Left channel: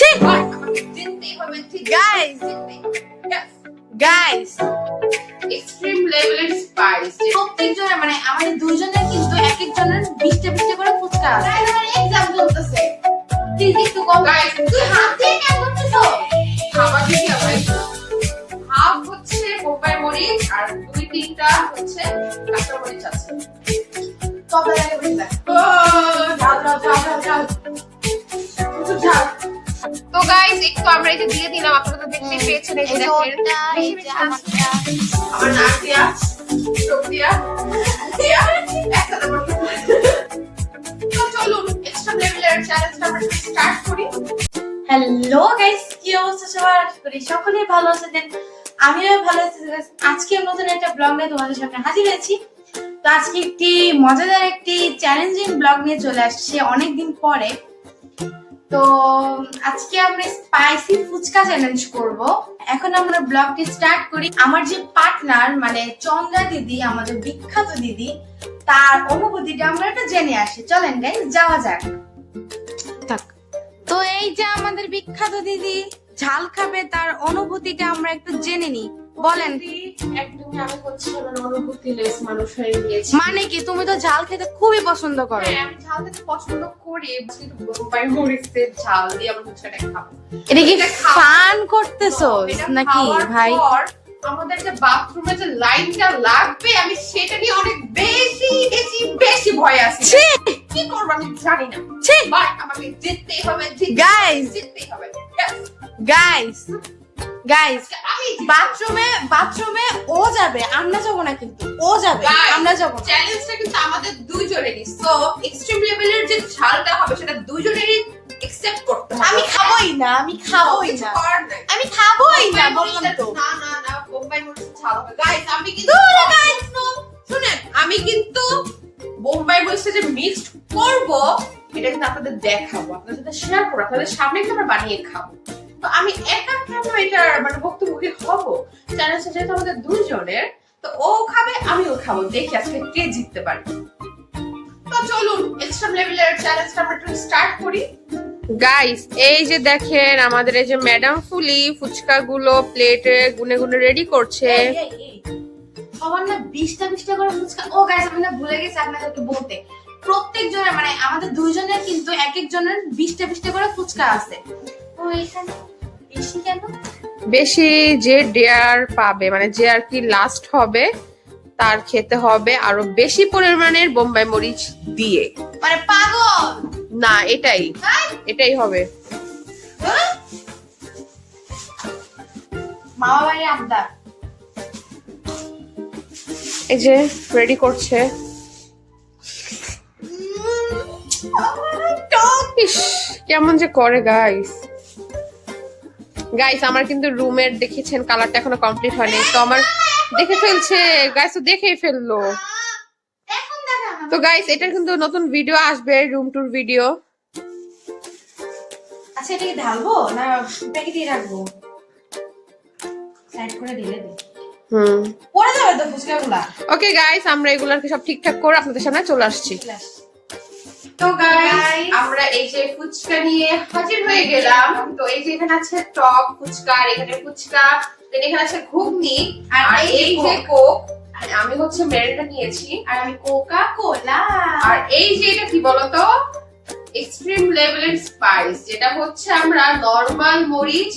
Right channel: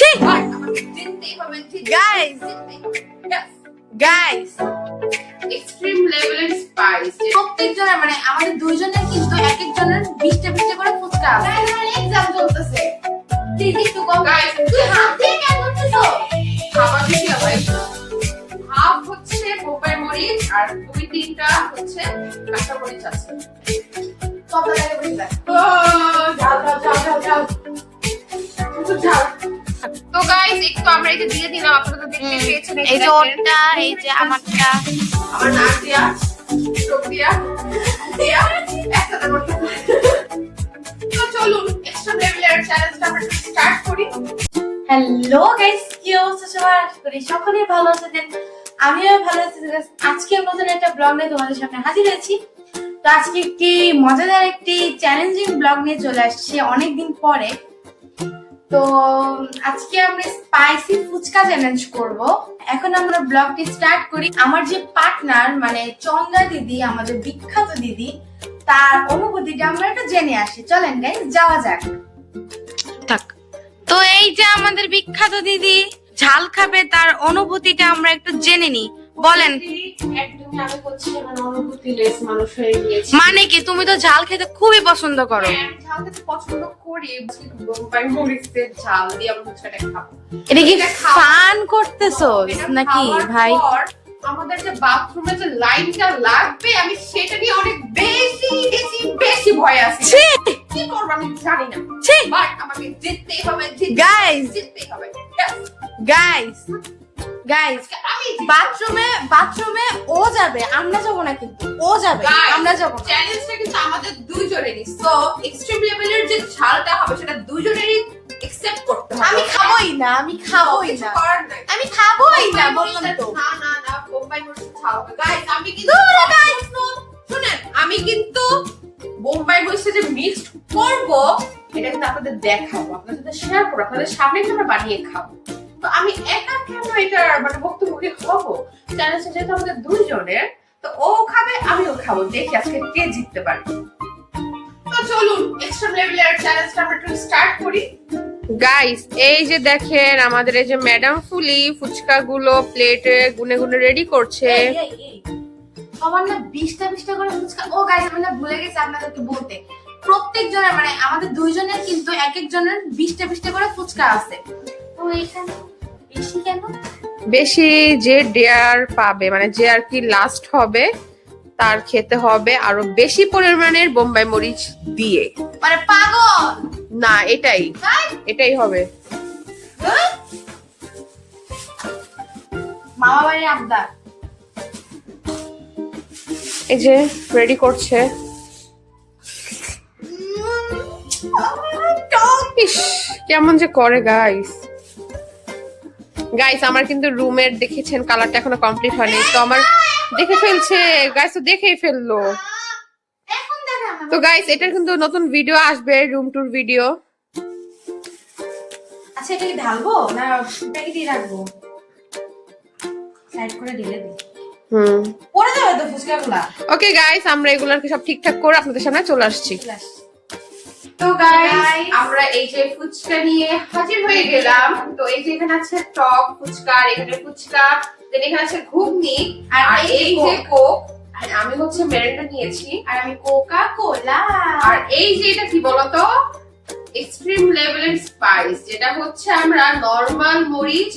ছি আমাকে জিততেই হবে গাইস গাইস এক্সট্রিম লেভেলের স্পাইস প্রত্যেকজনের মানে আমাদের দুইজনের কিন্তু এক একজনের 20টা করে ফুচকা আছে। এক্সাম চলতেছে প্লিজ একটু কম। গাইস তুই হাত দিয়ে কেন করতেছো? খাবার দিছি ভাই হাফ হচ্ছে বোম্বাই মরিচ আর 2-3টা হচ্ছে কাঁচা মরিচ আছে সব জায়গায় বসে যায়। ঝাল ঝাল ঝাল ঝাল ঝাল প্রচুর ঝাল। তো গাইস একটু আমরা এই যে দিয়ে দিলাম, আপনারা তো দেখতে পেয়েছেন এই যে ওটা, এই যে আমারটা, আমার নাক দিয়া চোখ দিয়া দিয়া একসাথে করতে। তো চলুন এক্সট্রা লেভেলের চ্যালেঞ্জটা আমরা স্টার্ট করি। হ্যালো গাইস, কি অবস্থা সবার? আশা করি সকলেই ভালো আছেন। আমিও ভালো আছি। আজকে নতুন একটা ব্লগ নিয়ে তোমাদের সামনে হাজির হয়েছি। তো আজকে একটি মজাদার একটি চ্যালেঞ্জিং ব্লগ নিয়ে চলে আসছে অনেকদিন পরে। তো আজকে আমরা স্পাইসি ফুচকা চ্যালেঞ্জ করব। এখন আমরা ব্লগটি স্টার্ট করি। আমার যে পার্টনার মানে চন্দ্রা দিদি, আমাদের বিখ্যাত দিদি, তার অনুভূতিটা আমরা একটু জেনে আসি। চলেন গাইস যাওয়া যাক। তো এই যে আমাদের বিখ্যাত দিদি ঝাল খাবে, তার অনুভূতিটা আমরা একটু জেনে নিই। বলেন। একদমই আমি হচ্ছে আমার অনুভূতিলেস মানুষ হয়ে গিয়েছি। মানে কি, তুমি তো ঝাল খেতে খুবই পছন্দ করো। হ্যাঁ, আমি ঝাল খেতে পছন্দ করি, কিন্তু বোম্বাই মরিচের ঝাল দিয়ে আমরা ফুচকাটা খাবো। এটা কি ফান করতেছো নাকি ভাই? আমাদের যে বাথরুমে যে লাইনটা লাগবে, আমি সেটা নিয়ে অনেক বেশি বেশি বেশি ভয় আছি। কি করবো আমি জানি না, বাট আমাকে জিততেই হবে। গাইস জিততেই হবে। গাইস গাইস বাথরুমে ও যাবে, আমরা যাবো না, কিন্তু ও যাবে, আমরা যাবো না। চ্যালেঞ্জটা কিন্তু আমাদের দুইজনেরই। সো এক্সট্রিম লেভেলের যে ঝালটা হবে সেটা দুইজনেরই একসেপ্ট করতে হবে। আমি খাবোই না, আমি খাবোই না, আমি খাবোই না, বললাম তো। না না না, বোম্বাই মরিচের ঝাল হবে। গাইস আমি কিন্তু শুনেন, আমি কিন্তু বোম্বাই মরিচটা যে মিক্সড করব এটা কিন্তু আপনাদের দেখাবো, আপনাদের সাথে শেয়ার করবো, আপনাদের সামনে আমরা বানিয়ে খাবো। তো আমি একা কেন এটা মানে ভুক্তভোগী হব? চ্যালেঞ্জটা যেহেতু আমাদের দুইজনের, তো ও খাবে আমিও খাবো, দেখি আজকে কে জিততে পারে। তো চলুন এক্সট্রিম লেভেলের চ্যালেঞ্জটা আমরা একটু স্টার্ট করি। গাইস এই যে দেখেন আমাদের এই যে ম্যাডাম ফুলি ফুচকা গুলো প্লেটে গুনে গুনে রেডি করছে। সবার না 20টা করে ফুচকা। ও গাইস, আমি না ভুলে গেছি আপনাদেরকে বলতে, প্রত্যেকজনের মানে আমাদের দুইজনের কিন্তু এক একজনের 20টা করে ফুচকা আছে। তো এখানে বেশি কেন? বেশি যে ডেয়ার পাবে, মানে যে আর কি লাস্ট হবে, তার খেতে হবে আরো বেশি পরিমাণের বোম্বাই মরিচ দিয়ে। মানে পাগল না, এটাই হবে। মামা বাড়ির আবদার। এই যে রেডি করছে। ইস, কেমন যে করে গাইস। গাইস আমার কিন্তু রুমের দেখেছেন কালারটা এখনো কমপ্লিট হয়নি, তো আমার দেখে ফেলছে গাইস, তো দেখেই ফেললো। তো গাইস এটার কিন্তু নতুন ভিডিও আসবে, রুম ট্যুর ভিডিও। আচ্ছা, এটা কি ঢালবো না প্যাকেটে রাখবো? সাইড করে ঢেলে দিই। পড়ে যাবে তো ফুচকাগুলা। ওকে গাইস, আমরা এগুলাকে সব ঠিকঠাক করে আপনাদের সামনে চলে আসছি। তো গাইস আমরা এই যে ফুচকা নিয়ে হাজির হয়ে গেলাম। তো এই যে এখানে আছে টক ফুচকা, আর এখানে ফুচকা, দেন এখানে আছে ঘুগনি, আর এই যে কোক, আর আমি হচ্ছে মেরিন্ডা নিয়েছি, আর আমি কোকা কোলা। আর এই যে এটা কি বলতো, এক্সট্রিম লেভেলের স্পাইস, যেটা হচ্ছে আমরা নরমাল মরিচ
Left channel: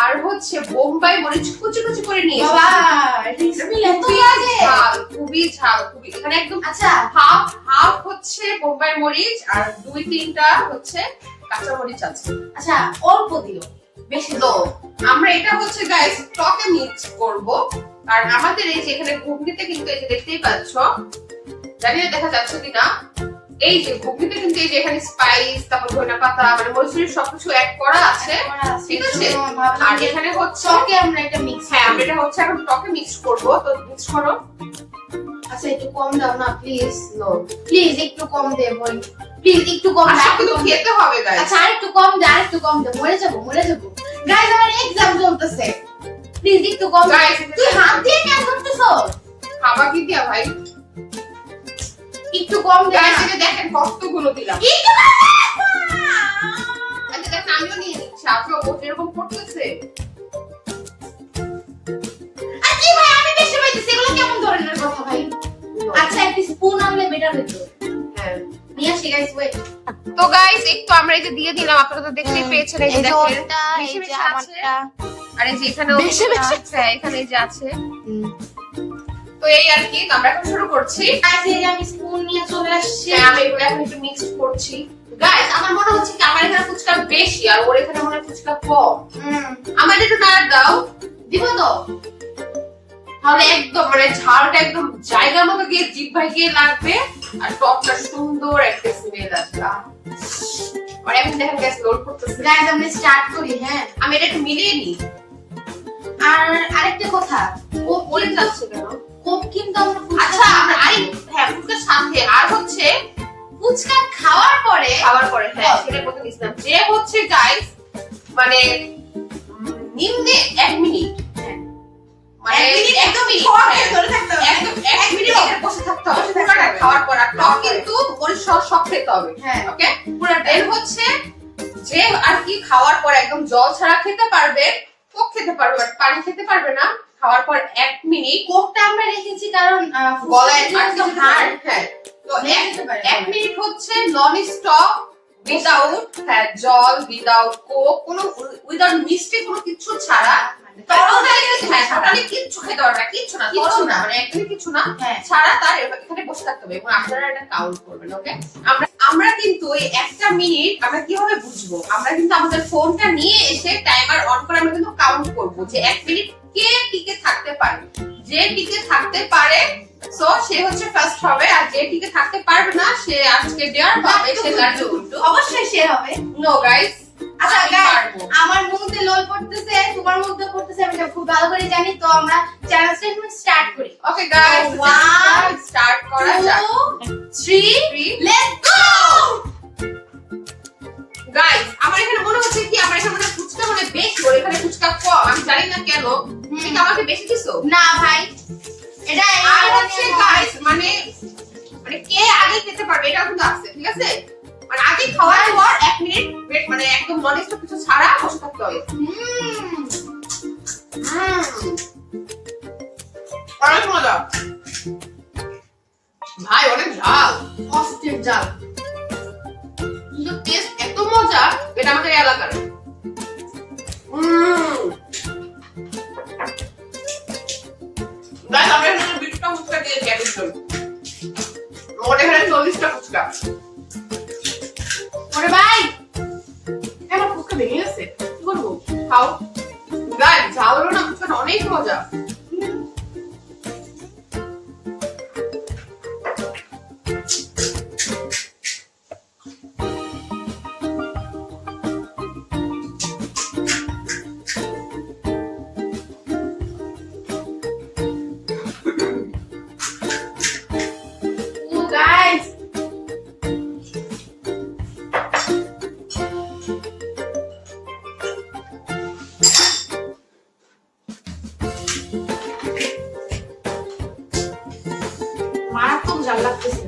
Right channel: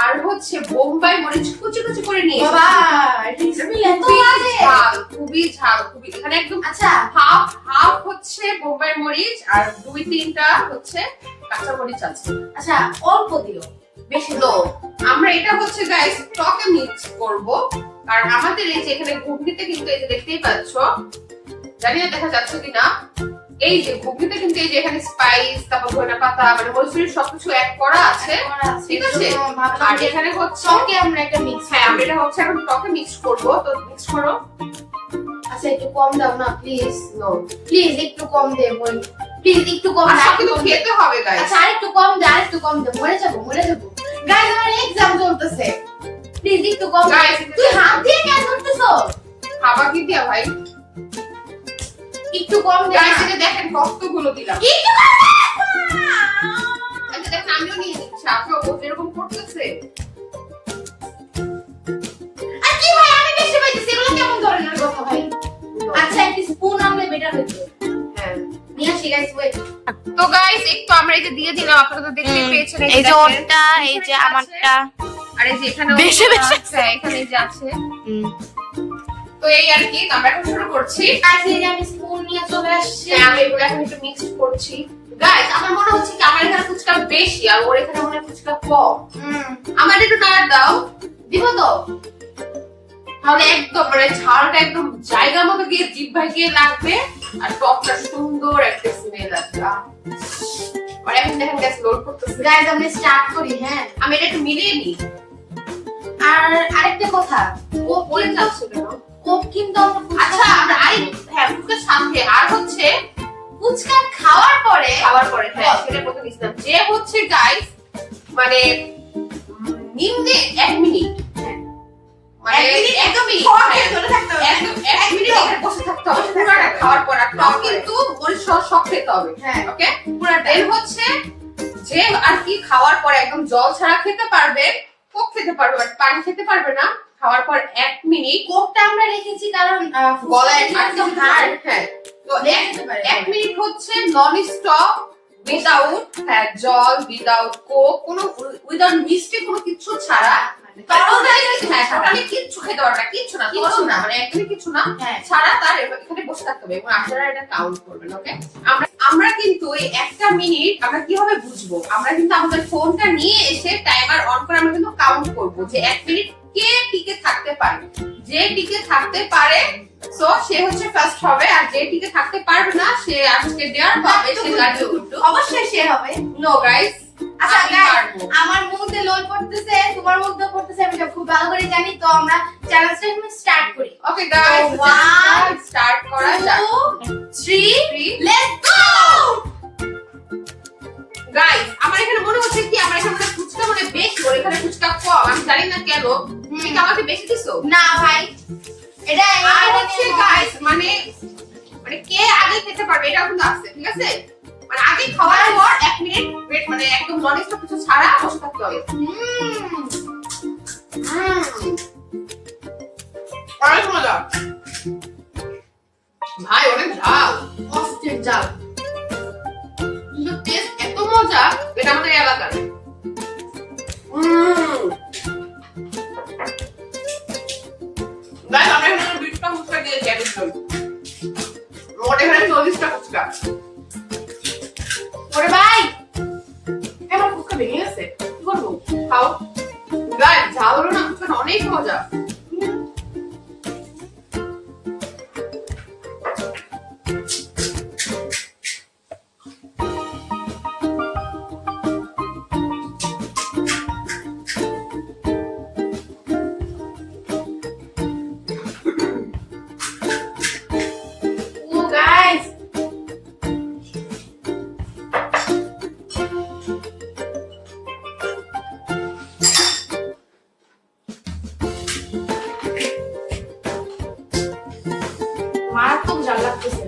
আর হচ্ছে বোম্বাই মরিচ কুচি কুচি করে নিয়েছি। বাবা রেসিপি এত বাজে, খুবই ঝাল, খুবই। এখানে একদম আচ্ছা হাফ হচ্ছে বোম্বাই মরিচ আর 2-3টা হচ্ছে কাঁচা মরিচ আছে। আচ্ছা, অল্প দিও, বেশি তো আমরা এটা হচ্ছে গাইস টকে মিক্স করব। আর আমাদের এই যে এখানে ঘুগনিতে কিন্তু এই যে দেখতেই পাচ্ছ, জানি না দেখা যাচ্ছে কিনা, এই যে ঘুগনিতে কিন্তু এই যে এখানে স্পাইস, তারপর ধনিয়া পাতা, মানে মরিচের সবকিছু অ্যাড করা আছে, ঠিক আছে। আর এখানে হচ্ছে টকে আমরা এটা মিক্স। হ্যাঁ, আমরা এটা হচ্ছে এখন টকে মিক্স করব। তো মিক্স করো। আচ্ছা, একটু কম দাও না প্লিজ। নো প্লিজ, একটু কম দে বোন, প্লিজ একটু কম। আর কিন্তু খেতে হবে গাইস। আচ্ছা, আরেকটু কম দে, আরেকটু কম দে, মরে যাবো গাইস, আমার এক্সাম চলতেছে, প্লিজ একটু কম। গাইস তুই হাত দিয়ে কেন করতেছো? খাবার কি দিয়া ভাই, একটু কম দে। গাইস এটা দেখেন কতগুলো দিলাম। একটু কম দে। যে দেখেন আমিও নিয়ে নিচ্ছি, আপনার ও যেরকম করতেছে। আর কি ভাই আমি টেস্ট পাইতেছি, এগুলো কেমন ধরনের কথা ভাই? আচ্ছা একটা স্পুন আনলে বেটার হতো। হ্যাঁ নিয়ে আসি গাইস, ওয়েট। তো গাইস একটু আমরা এই যে দিয়ে দিলাম, আপনারা তো দেখতে পেয়েছেন এই যে দেখেন। ওটা, এই যে আমারটা, আর এই যে এখানে বেশি বেশি এখানে এই যে আছে। তো এই আর কি আমরা এখন শুরু করছি। আজকে আমি স্পুন নিয়ে চলে আসছি। হ্যাঁ আমি এগুলো এখন একটু মিক্স করছি। গাইস আমার মনে হচ্ছে কি আমার এখানে ফুচকা বেশি আর ওর এখানে মনে হয় ফুচকা কম। আমার একটু নাড়া দাও। দিব তো? তাহলে একদম মানে ঝালটা একদম জায়গা মতো গিয়ে জিহ্বায় গিয়ে লাগবে আর টকটা সুন্দর একটা স্মেল আসবে। আর এখন দেখেন গ্যাস লোড করতেছে। গাইস আমরা স্টার্ট করি। হ্যাঁ আমি এটা একটু মিলিয়ে নিই। আর আরেকটা কথা, ও বলে যাচ্ছে কেন? কোক কিন্তু আমরা আচ্ছা আমরা আই হ্যাঁ ফুচকার সাথে আর হচ্ছে ফুচকা খাওয়ার পরে খাওয়ার পরে হ্যাঁ সেটা বলতে নিছিলাম যে হচ্ছে গাইস মানে নিম্নে 1 মিনিট মানে 1 মিনিট একদমই ধরে থাকতে হবে। একদম 1 মিনিট এখানে বসে থাকতে হবে পুরোটা খাওয়ার পর আর টক কিন্তু মরিচ সব খেতে হবে। হ্যাঁ ওকে পুরোটা। এর হচ্ছে যে আর কি খাওয়ার পর একদম জল ছাড়া খেতে পারবে, কোক খেতে পারবে বাট পানি খেতে পারবে না। খাওয়ার পর 1 মিনিট কোকটা আমরা রেখেছি কারণ গলায় একদম একদম হার্ড। হার্ড। হ্যাঁ তো খেতে পারে। 1 মিনিট হচ্ছে নন স্টপ উইদাউট হ্যাঁ জল উইদাউট কোক কোনো উইদাউট মিষ্টি কোনো কিছু ছাড়া টোটালি কিচ্ছু খেতে পারবে না, কিচ্ছু না কিচ্ছু না। মানে একদমই কিছু না হ্যাঁ ছাড়া তার এখানে বসে থাকতে হবে এবং আপনারা এটা কাউন্ট করবেন। ওকে আমরা কিন্তু এই 1টা মিনিট আমরা কিভাবে বুঝবো, আমরা কিন্তু আমাদের ফোনটা নিয়ে এসে টাইমার অন করে আমরা কিন্তু কাউন্ট করব যে 1 মিনিট কে টিকে থাকতে পারে। যে টিকে থাকতে পারে সো সে হচ্ছে ফার্স্ট হবে আর যে টিকে থাকতে পারবে না সে আজকে দেয়ার পাবে সে তার জন্য অবশ্যই শেয়ার হবে। No guys. আচ্ছা গাইস আমার মুখে লোল পড়তেছে, তোমার মুখে পড়তেছে, আমি সব খুব ভালো করে জানি। তো আমরা চ্যালেঞ্জটা এখন স্টার্ট করি। ওকে গাইস 1 স্টার্ট করা যাক। 2 3 লেটস গো। গাইস আমার এখানে মনে হচ্ছে কি আমার এখানে মানে ফুচকা মানে বেশি ওর এখানে ফুচকা কম, আমি জানি না কেন। কিন্তু আমাকে বেশি দিছো না ভাই এটা আর হচ্ছে গাইস মানে মানে কে আগে খেতে পারবে এটা কিন্তু আছে ঠিক আছে। মানে আগে খাওয়ার পর 1 মিনিট ওয়েট মানে একদম নন স্টপ কিছু ছাড়া বসে থাকতে হবে। অনেক মজা ভাই, অনেক ঝাল, অস্থির জাল। কিন্তু টেস্ট এত মজা এটা আমাদের এলাকার। গাইস আমরা এখানে 20টা ফুচকা দিয়েছি একদম। ওর এখানে 40টা ফুচকা। ওরে ভাই আমার ফুচকা ভেঙে গেছে, কি করবো? খাও গাইস, ঝাল হলো না ফুচকাটা অনেক মজা। ও গাইস মারাত্মক জাল লাগতেছে।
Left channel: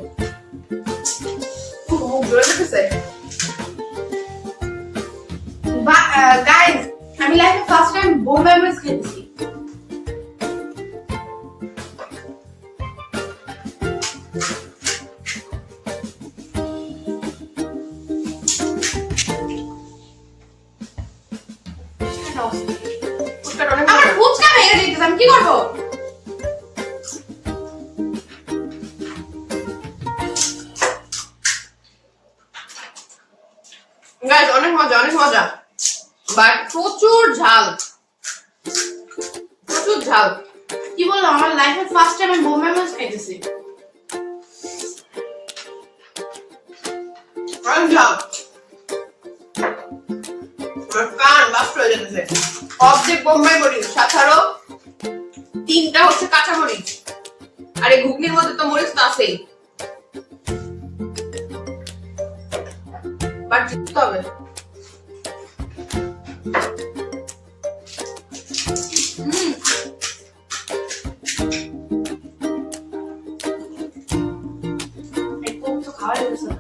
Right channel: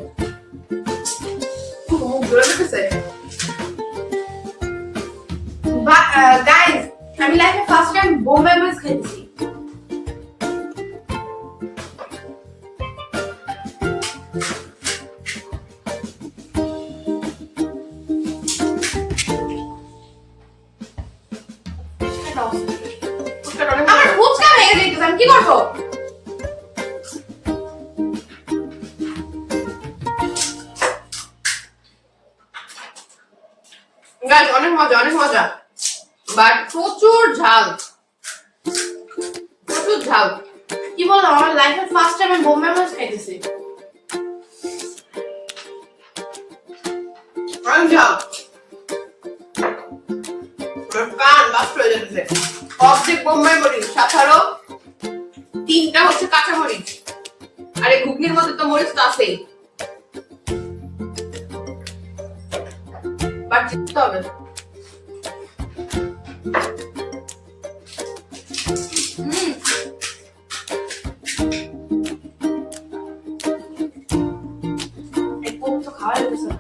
মুখ ধরে রেখেছে। গাইস আমি লাইফে ফার্স্ট টাইম বোম্বাই মরিচ খেয়েছি। ফুচকাটা অনেক আমার মজা। ফুচকা ভেঙে দিতেছে, আমি কি করবো? গাইস অনেক মজা, অনেক মজা বাট প্রচুর ঝাল, প্রচুর ঝাল। কি বললাম আমার লাইফে ফার্স্ট টাইম আমি বোম্বাই মরিচ খাইতেছি। অনেক ঝাল, কান বাস্ট হয়ে যেতেছে। অর্ধেক বোম্বাই মরিচ, সাথে আরো 3টা হচ্ছে কাঁচা মরিচ আর এই ঘুগনির মধ্যে তো মরিচ তো আছেই। বাট জিততে হবে। এই কোক তো খাওয়া যেতেছে না।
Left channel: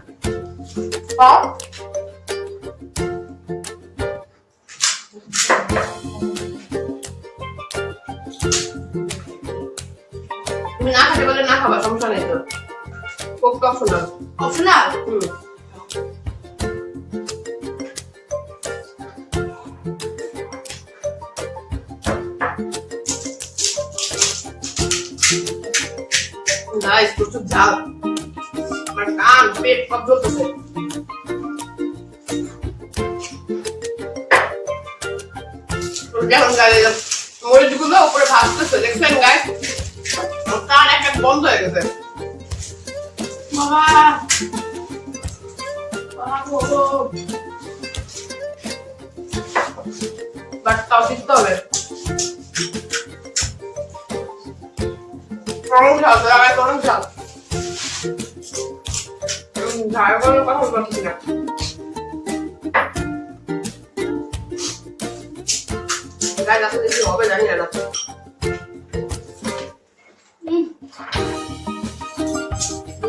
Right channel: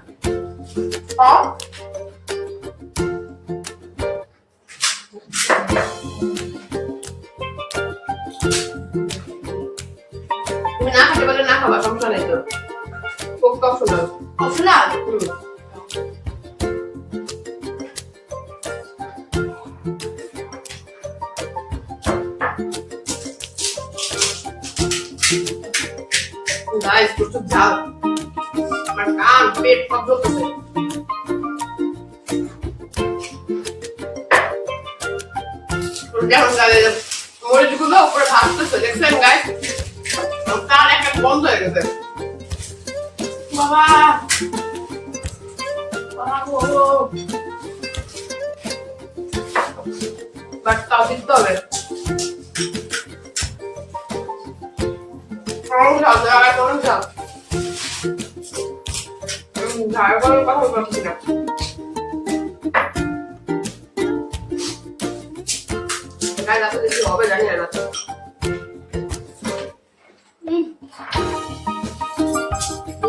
তুমি না খেতে বলে না খাবা, সমস্যা নেই তো। খুব অপশনাল। অপশনাল? গাইস প্রচুর ঝাল, আমার কান পেট সব জ্বলতেছে। যেমন লাগে মরিচগুলো উপরে ভাসতেছে, দেখছেন গাইস? কান একটা বন্ধ হয়ে গেছে। বাবা বাট তাও দিতে হবে। অনেক ঝাল, অনেক ঝাল। ঝাল করার কথা বলছি না। গাইস আসলে কি হবে জানি না।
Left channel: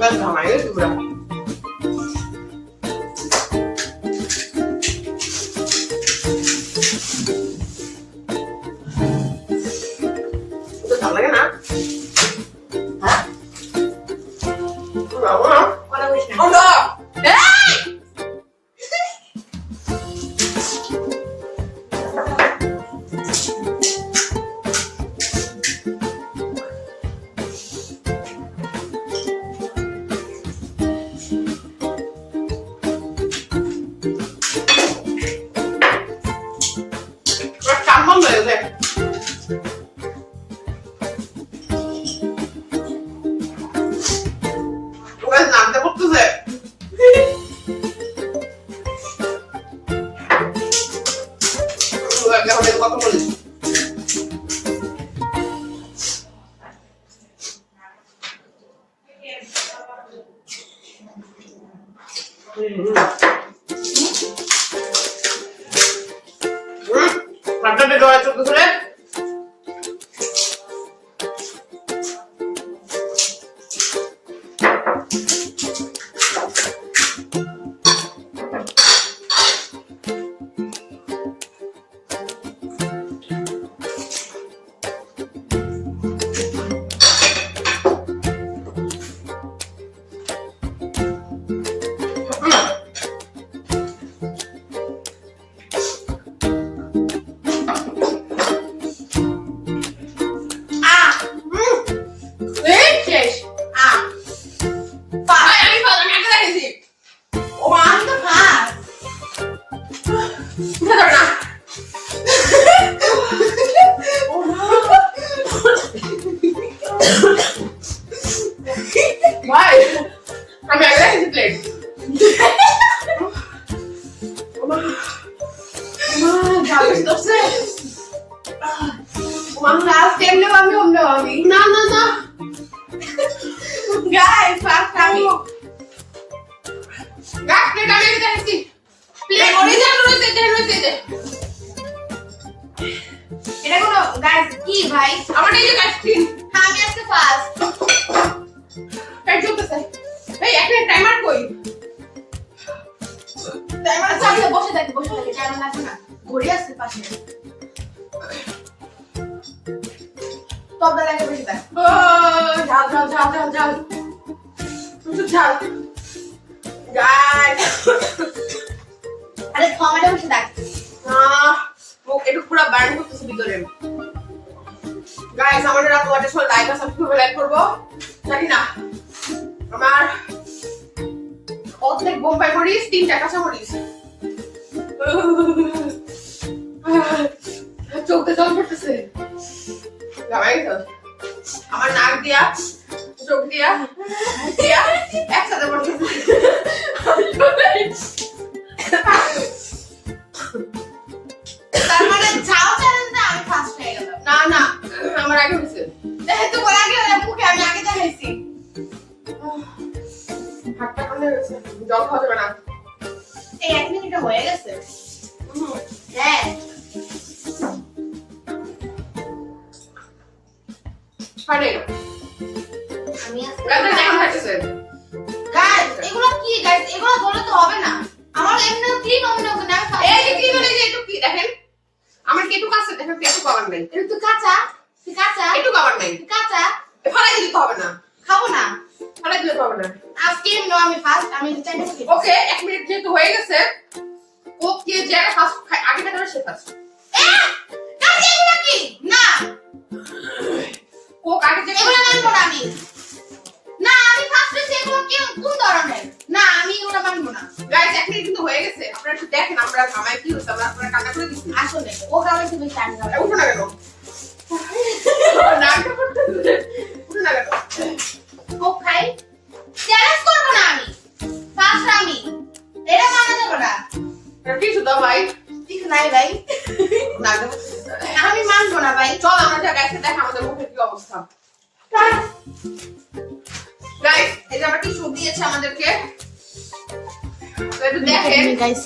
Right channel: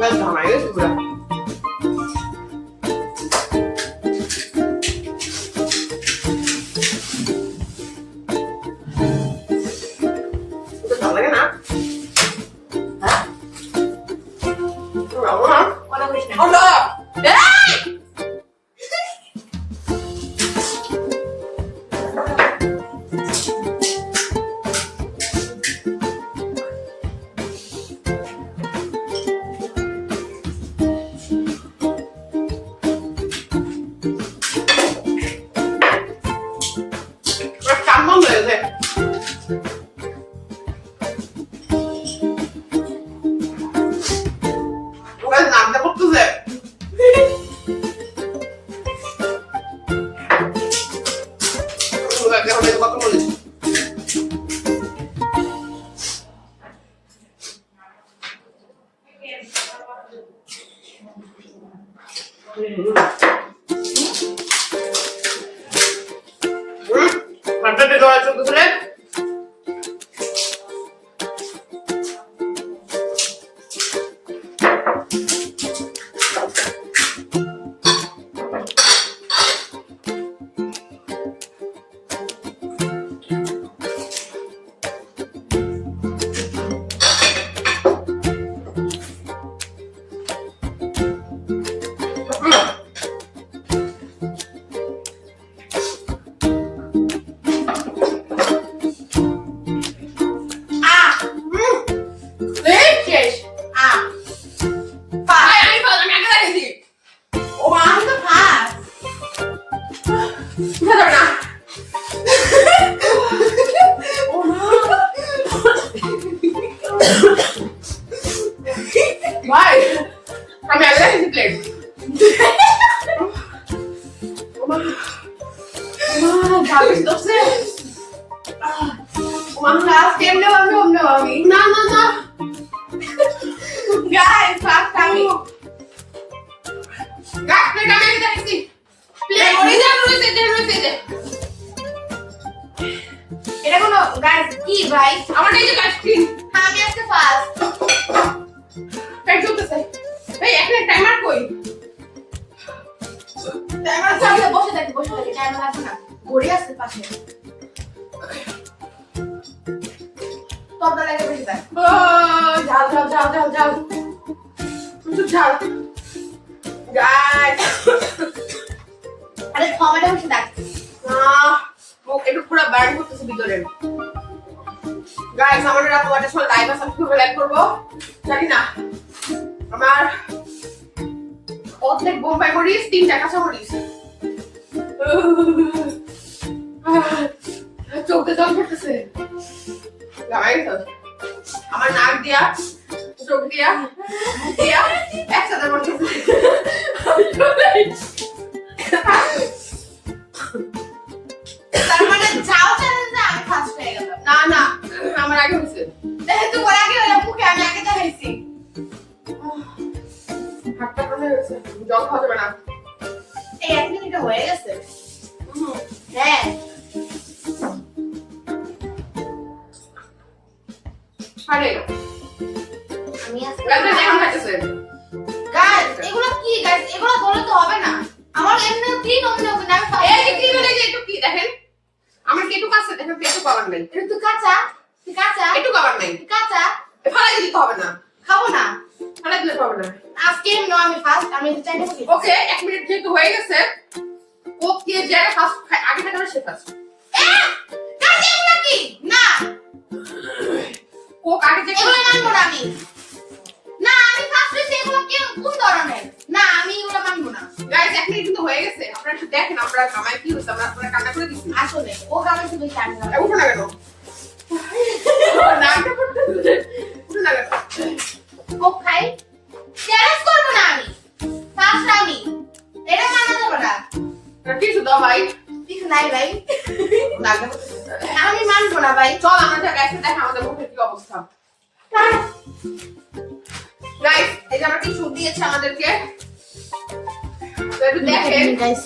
গাইস ঘামাই গেছি পুরা। ঝাল লাগে না? হ্যাঁ? না। কথা বলিস না। কান বন্ধ হয়ে গেছে। নামটা করতেছে। কত বলিস? হাতটা বের হয়ে চলতেছে। আমি আগে প্লেট না না না গাইস ফাস্ট আমি গাইস প্লেট আমি দেখছি প্লেট অরিজিনাল রয়েছে দে এটা কোনো গাইস কি ভাই? আমার এই যে কাটছিন আমি আজকে ফার্স্ট। পেট চলতেছে ভাই একটা টাইমার কই টাইমার চালিয়ে বসে থাকি টাইমার লাগবে না, ঘড়ি আছে পাশে। তবলা লাগে বেশি দেখ। ঝাল গাইস আরে টমেটো বেশি দেখ। মুখ একটু পুরো বার্ন করতেছে ভিতরে। গাইস আমাদের এরকম একটা সময় লাইভ আছে, কিভাবে লাইভ করবো জানি না। আমার অর্ধেক বোম্বাই মরিচ, 3টা কাঁচা মরিচ, চোখে জল পড়তেছে। আমার নাক দিয়া চোখ দিয়া একসাথে পড়তেছে। তার মানে যাও চ্যালেঞ্জে আমি ফার্স্ট হয়ে গেলাম। না না আমার আগে হয়েছে। যেহেতু ওর আগে হয়ে মুখে আমি আগে দেখাইছি। হাতটা কানে হয়েছে, জল খাওয়া যাবে না। এই 1 মিনিটে হয়ে গেছে। হ্যাঁ আরে আমি আজকে রাতে কেমন খাইতেছে? গাইস এগুলো কি গাইস? এগুলো বলে তো হবে না। আমার এমনি ক্লিন অমনি হবে না। আমি এই যে কি বলে যে একটু কি দেখেন নাই। এটা তো কাঁচা, তুই কাঁচা, একটু খাবার নাই। কাঁচা ফেলাই দিতে হবে না, খাবো না। ফেলাই দিতে হবে না। আজকে আমি ফার্স্ট, আমি চাইতে পারি। ওকে 1 মিনিট যেহেতু হয়ে গেছে, কোক কে যারা ফার্স্ট আগে খাবে সে ফার্স্ট। কাঁচা এগুলো কি? না, কোক আগে যে এগুলো মানবো না আমি। না, আমি ফার্স্ট হইছি, এগুলো কি কোন ধরনের? না, আমি এগুলো মানবো না। গাইস 1 মিনিট কিন্তু হয়ে গেছে, আপনারা একটু দেখেন আমরা কামাই কি হচ্ছে, আমরা আপনারা কান্না করে দিচ্ছি। আসলে ও খাবে তো বেশি আমি খাবো। উঠো না কেন? নাকটা করতে উঠো না কেন? কোক খাই, চ্যালেঞ্জ করবো না আমি। ফার্স্ট আমি, এটা মানা যাবে না। কিছু দাও ভাই। ঠিক নাই ভাই, নাকটা আমি মানবো না ভাই। চল আমরা যা গাইস দেখ আমাদের মুখে কি অবস্থা। গাইস এই যে আমরা কি সুপ দিয়েছে আমাদেরকে, তো একটু দেখেন। গাইস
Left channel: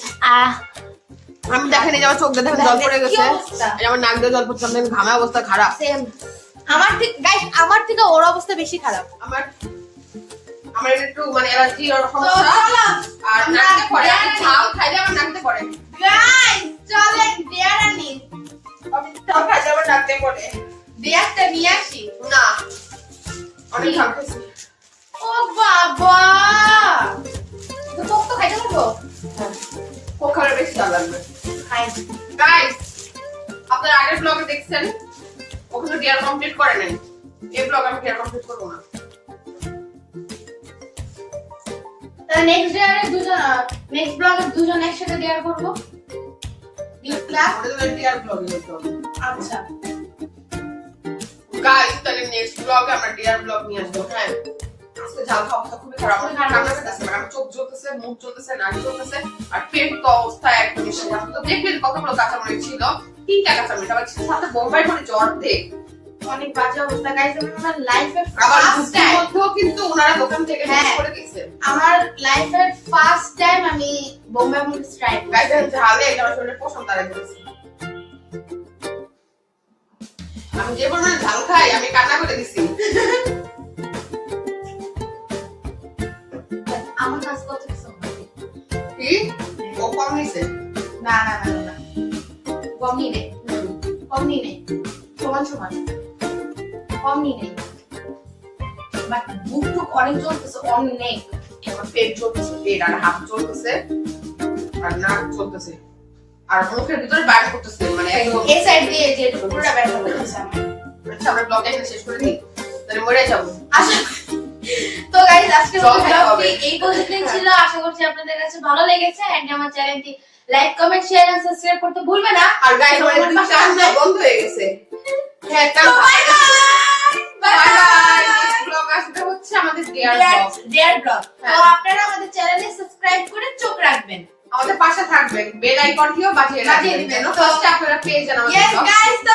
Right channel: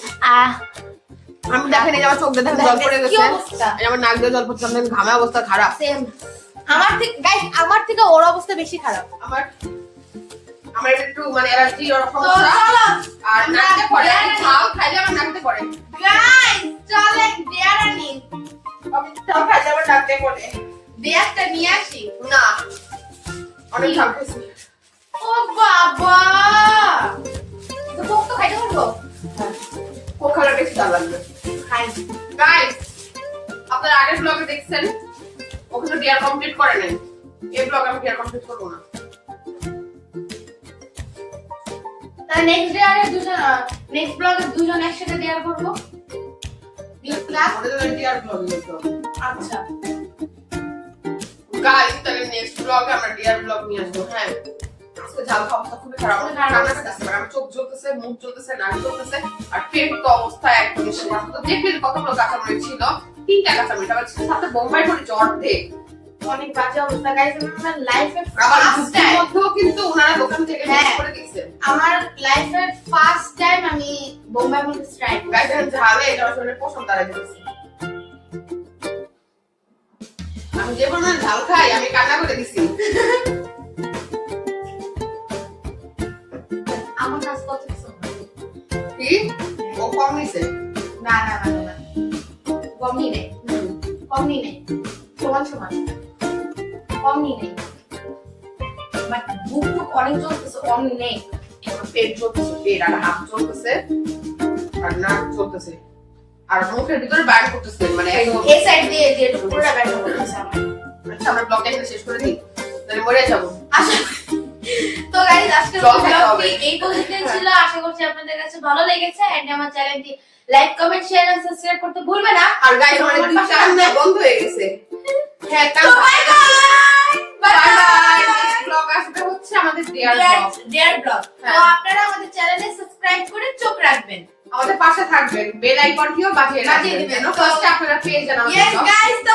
আমি দেখেন এই যে আমার চোখ দিয়ে দেখেন জল পড়ে কি গেছে, অবস্থা? এই যে আমার নাক দিয়ে জল পড়ছে, আমাদের ঘামে অবস্থা খারাপ। সেম আমার থেকে গাইস, আমার থেকে ওর অবস্থা বেশি খারাপ। আমার আমার একটু মানে অ্যালার্জি ওর সমস্যা, আর নাকতে পড়ে, আমি ঝাল খাইলে আমার নাকতে পড়ে। গাইস চলে দেয়ার আনি, আমি ঝাল খাইলে আমার নাকতে পড়ে। দেয়ারটা নিয়ে আসি। না অনেক ঝাল খাইছি। ও বাবা, তো কোক তো খাইতে পারবো। কোক খাওয়ার বেশি ঝাল লাগবে। খাই। গাইস আপনারা আগের ব্লগে দেখছেন ওখানে ডিয়ার কমপ্লিট করে নাই, এই ব্লগ আমি ডিয়ার কমপ্লিট করবো না। তাহলে নেক্সট ডে দুজন, নেক্সট ব্লগে দুজন একসাথে দেয়ার করবো। ওটা তো ডিয়ার ব্লগ হতো। আচ্ছা গাইস তাহলে নেক্সট ব্লগে আমরা ডিয়ার ব্লগ নিয়ে আসবো। হ্যাঁ আজকে ঝাল খাওয়া অবস্থা খুবই খারাপ, আমার কান্না করতেছে, আমার চোখ জ্বলতেছে, মুখ জ্বলতেছে, নাক জ্বলতেছে, আর পেট তো অবস্থা একদম শেষ। আমরা তো দেখলেন কতগুলো কাঁচামরিচ ছিল, 3টা কাঁচামরিচ, আবার সাথে বোম্বাই মরিচ অর্ধেক। অনেক বাজে অবস্থা গাইস, আমার লাইফে আবার ফার্স্ট বুদ্ধির টাইম, মধ্যেও কিন্তু ওনারা দোকান থেকে হ্যাঁ। নিয়ে করে দিয়েছেন। আমার লাইফে ফার্স্ট টাইম আমি বোম্বাই মরিচ ট্রাই গাইস ঝালে এটা আসলে পছন্দ আর দিয়েছি। আমি যে পরিমাণে ঝাল খাই আমি কান্না করে দিছি। আমার কাজ কত কিছু কি ও কম নিছে? না না না না, কম নি নেই, কম নি নেই, সমান সমান, কম নি নেই, বাট বুক টুক অনেক চলতেছে, কম নেই। আমার পেট চলতেছে, পেট আর হাত চলতেছে, আর নাক চলতেছে, আর মুখের ভিতরে বাইর করতেছে, মানে একদম। এই সাইড দিয়ে যে পুরোটা ব্যাক করতেছে আমার। আচ্ছা আমরা ব্লগটা এখানে শেষ করে দিই, তাহলে মরে যাবো। আশা তো গাইস আজকের জল খেতে হবে। ব্লগটি এই পর্যন্তই ছিল। আশা করছি আপনাদের কাছে ভালো লেগেছে, এন্ড আমার চ্যানেলটি like comment share and subscribe করতে ভুলবেন না। আর গাইস আমাদের দুইটা রান্না বন্ধ হয়ে গেছে। হ্যাঁ, তো bye bye bye bye. Next blog আসবে হচ্ছে আমাদের ডিয়ার ব্লগ। Deer blog. তো হ্যাঁ। আপনারা আমাদের চ্যানেলে সাবস্ক্রাইব করে চোখ রাখবেন। আমাদের পাশে থাকবেন, বেল আইকনটিও বাজিয়ে বাজিয়ে দিবেন, দিবেন। ফার্স্টে আপনারা পেয়ে যান আমাদের ইয়েস ব্লগ। গাইস, তো